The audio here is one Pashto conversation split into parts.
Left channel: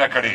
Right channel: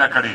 نه کړې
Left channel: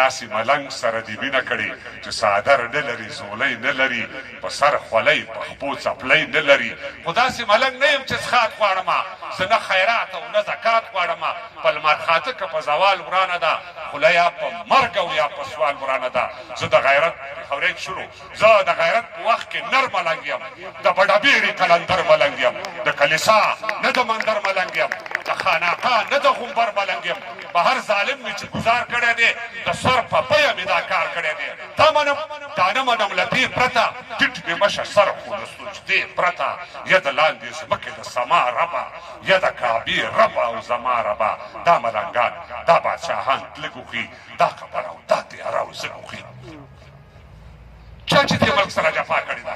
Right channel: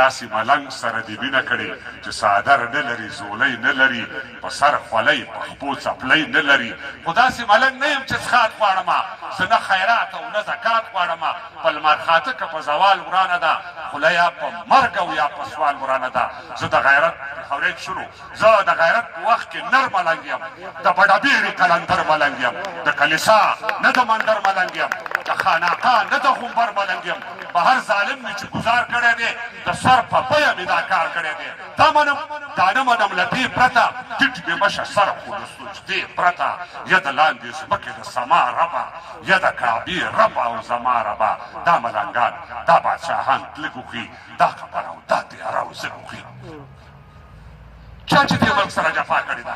داسې ملنګ سره دې مینه کړې چې څادر نه لري زولۍ نه لري په سر خولۍ په خپو څپلۍ نه لري خو داسې ملنګ نه یم چې څښاک غواړمه زه نه خیرات او نه زکات غواړمه په لمر خاته که په زوال ورانه ده خوله یا په مرګ او یا په سوال ورانه ده زه د غیرت خورید شروع زه د غیرت په وخت کې نر ملنګ یم د بډهبېړې قلندر ملنګ یم د کلیسا نه د مندر ملنګ یم د خانقاه نه د غومبر ملنګ یم په هر ظالم مې چې ګزار کړی دی د سر په بیه مې دا کار کړی دی دا منم دا نه منم له دې پرته ټیټ مې مشه سر خو د سجدې پرته یا د لاندې ځمکې د سما ربه یا د کعبې ربه او زما ربه دا ملنګان دا بادشاهان تله ګوښي دا خبره او دا تیاره او زه ګوښي چا چې دې ملک سره جفا کړې ده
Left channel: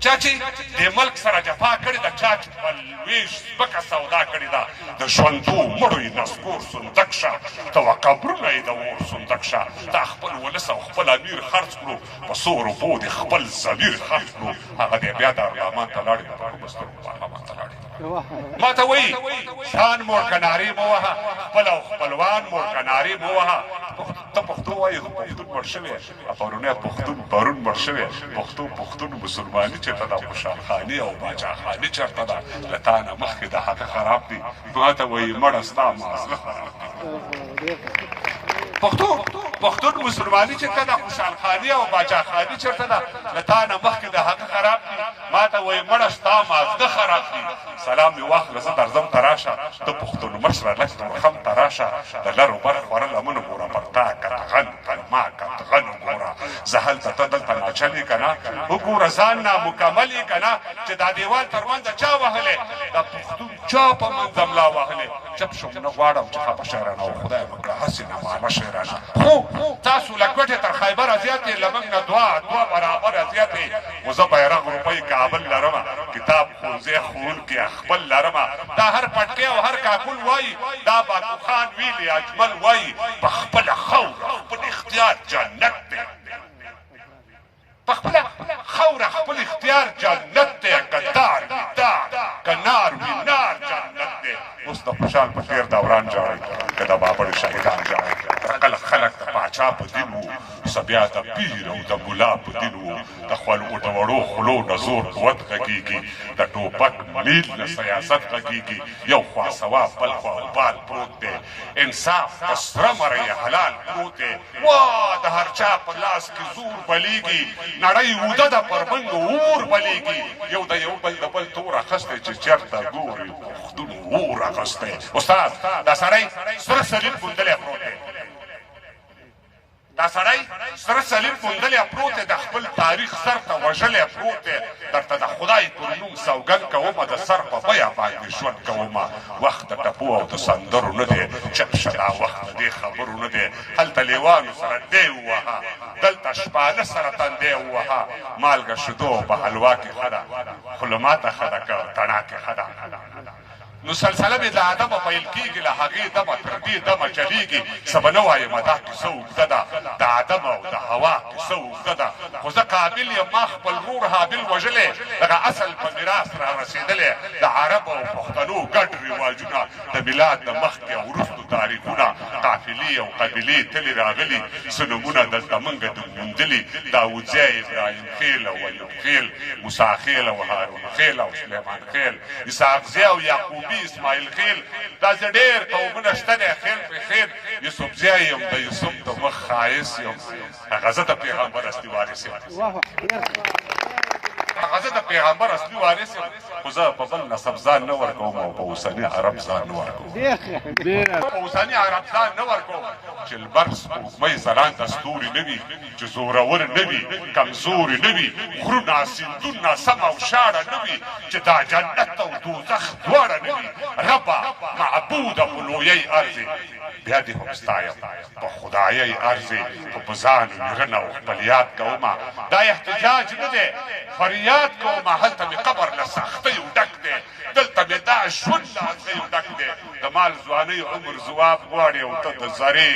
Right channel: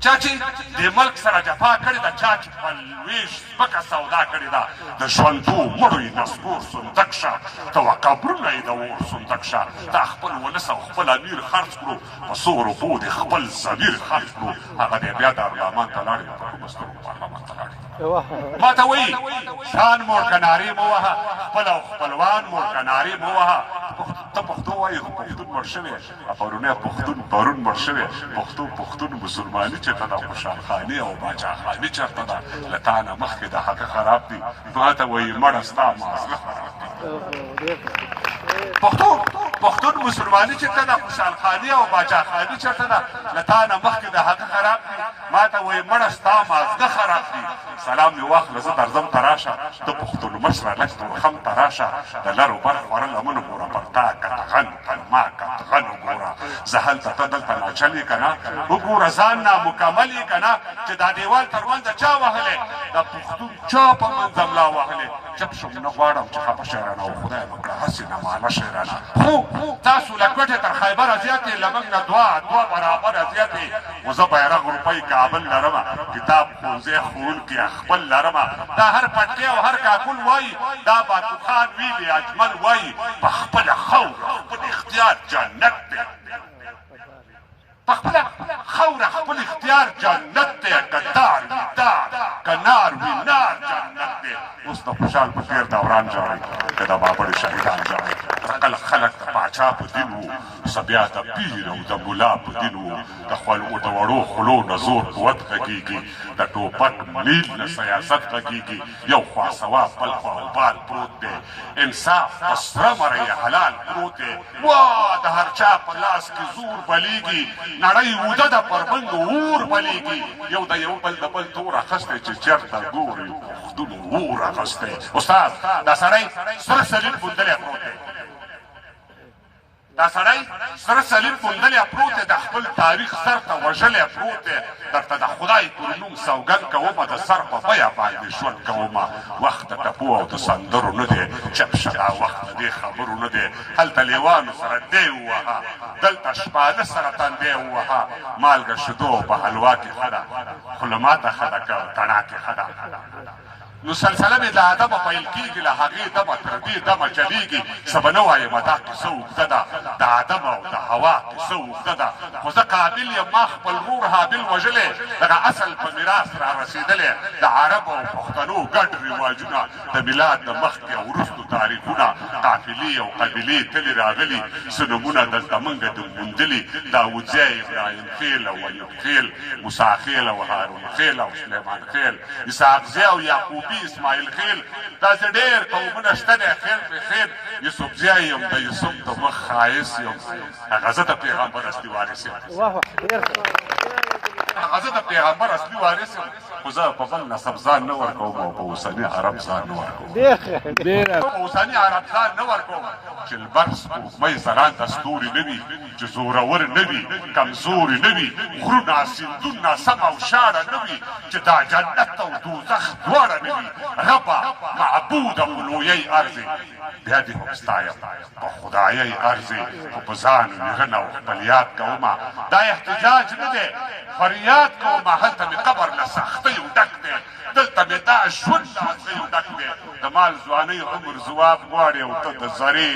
چا چې دې ملک سره جفا کړې ده چا چې په لویش ځمکه سودا کړې ده د ژوندو مړو یې نسکور صندق شه ته و قبرونه یې د اور صندق شه دا خپل ولس او خپل امیر خرڅ کړو په څو روپو دې خپل ضمیر خرڅ کړو هغه دې بیا دارالمان ته لاړې په مسترو پارلمان ته لاړې ما ته وایي ځان مورکنارې مه وهه خپل او خپلوان مورکنارې مه وهه ته پښتو وایې خو پښتون مړ شوی پرونی پښتون پرون مړ شوی پښتون مسلماني چېرته ده خوشحال خاني او باچا خاني چېرته ده له تا نه مخکې د هغه خراب دي ما ته وایي مړه ستا مازغه پښتون مسلماني چېرته ده خوشحال خاني او باچا خاني چېرته ده له تا نه مخکې د هغه خراب دي ما ته وایي مړه ستا مازغه خراب دي سلام مې واخله زه درځم ته راشه د پښتون مشره لږ تورخم ته راشه د لرو بر خوړل لمنو ګوره پر تا کتغن پر ما کتغن وګوره زه هلته ته دلته ناچل یې که نه وګوره ځان نامکمل یې که نه چې دا دیوال تر منځه چا وهلی دا پښتون چا په منځه ملا وهلی چپ شم نه غواړم چې خفه شی رانه او خدای وکړه هسې نامانه شی رانه خو تاسو له کوټې تر خیبره زیاتې له موږ نه دوه برابره زیاتې خو زه بیرغ روپۍ کابل لرمه کتاب ښوونځی ښوونکي خپل لرمه دا هر پټکی او هر کاکل وایي دا باتوخان ویلي اجمل وایي په خپله خاوره خپل اختیار جنت دی په خپله خاوره خپل اختیار جنت دی که دار وي دار که نار وي نار جنت دی اوس د خوشحال په تېر دوران جاړئ که د بابړو شهیدان جاړئ کله خلک د پاچا په دین وو څه بیا د پیر او د ملا په دین وو د وړو خولو نه زور قوت غږېږي د ټوپک میل نه سیاست غږېږي یو خوا ثواب بل خوا وبال پروت دی انصاف په سره مرۍ حلال پروت دی وا د هر چا په لاس کې زور بلیږي نړۍ اوده ده پر بندو اور بلیږي یو د یو بل د بل تور اخستی چې چېرته ګوري پښتون اور اخستی استاد دا سړی سره سلیل موندلی پروت دی دا سړی سره سلیل موندلی پروت دی د خپل تاریخ سر ته وژلی پروت دی درته د خدای پر نوم سوګند کومه د سر په بیه باندې ژوند کومه وخت د ټپو او د سندرو نه دی چپ شه دا وخت د دې خبرو نه دی هلته لیوانو سره دی ووهه دلته شپانه سره تندی ووهه مالګه شیدو په حلوا کې ښه ده خو له ماته ښه ده که تڼا کې ښه ده نو سلسله مې د ادبه پیل کېږي له هغې دمه تر دې دمه چلېږي څه به نه وایم دا کیسه اوږده ده د ادم او د هوا کیسه اوږده ده خو زه قابل یم ما خپل ورور حابل وژلی دغه اصل په میراث را رسېدلی د عربو او پښتنو ګډ رواجونه د میلاد د مخکې او وروستو تاریخونه قافلې او قبیلې تلې راغلي څه نومونه دلته موږ د موندلي داودزی ابراهیم خیل او ایوب خیل موسی خیل او هارون خیل او سلیمان خیل اسحاقزی او یعقوب اسماعیل خیل دا زه ډېر قومونه شته دی خیل په خیل یوسفزی یم د یوسف د مخ ښایست یم هغه زه د پیغمبر اصلي وارث یم هغه زه د پیغمبر اصلي وارث یم خو زه په بل نسب ځان نه ورکوم او په اوسني عرب ځان نه ورکوم په اوسني عرب ځان نه ورکوم چې لمر سپوږمۍ ځلانده ستوري نه وي چې زورور نه وي کمزوري نه وي غرونه سیندونه سم او شاړه نه وي چې دا جنت او دوزخ دواړه نه وي ربه معبوده په لویۍ ارزې بیا دې هم ستایم په خدایۍ ارزې خو په ځان ویرنه او خپل یاد کومه دا احتجاج نه دی فریاد کومه هلته مې قبر له سختیو ډک دی دلته مې دا ژوند له ارزیو ډک دی د مال ځوانۍ عمر ځواب غواړي او ته د زرې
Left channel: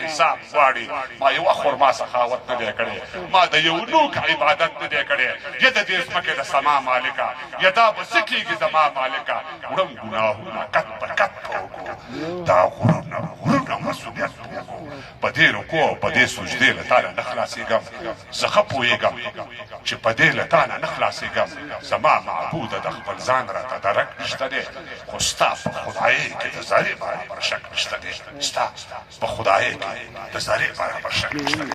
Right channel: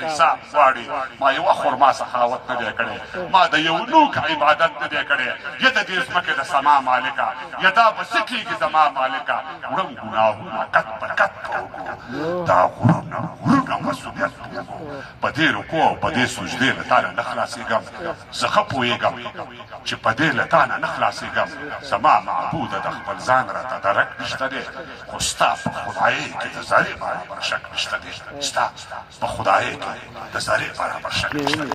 حساب غواړي ما یوه خرما سخاوت نه دی کړی ما د یو نوک عبادت نه دی کړی یا د دې ځمکې د سما مالکه یا دا به څه کېږي زما مالکه وړم ګناهونه کت په کت دا غرونه دې رکوع او په دې سجدې له تا نه خلاصېږم زه ښه پوهېږم چې په دې له تا نه خلاصېږم زما معبوده د خپل ځان راته درک نشته دی خو ستا په خدایۍ کې د ذرې برابر شک نشته دی ستا په خدایۍ کې د ذرې برابر شک نشته دی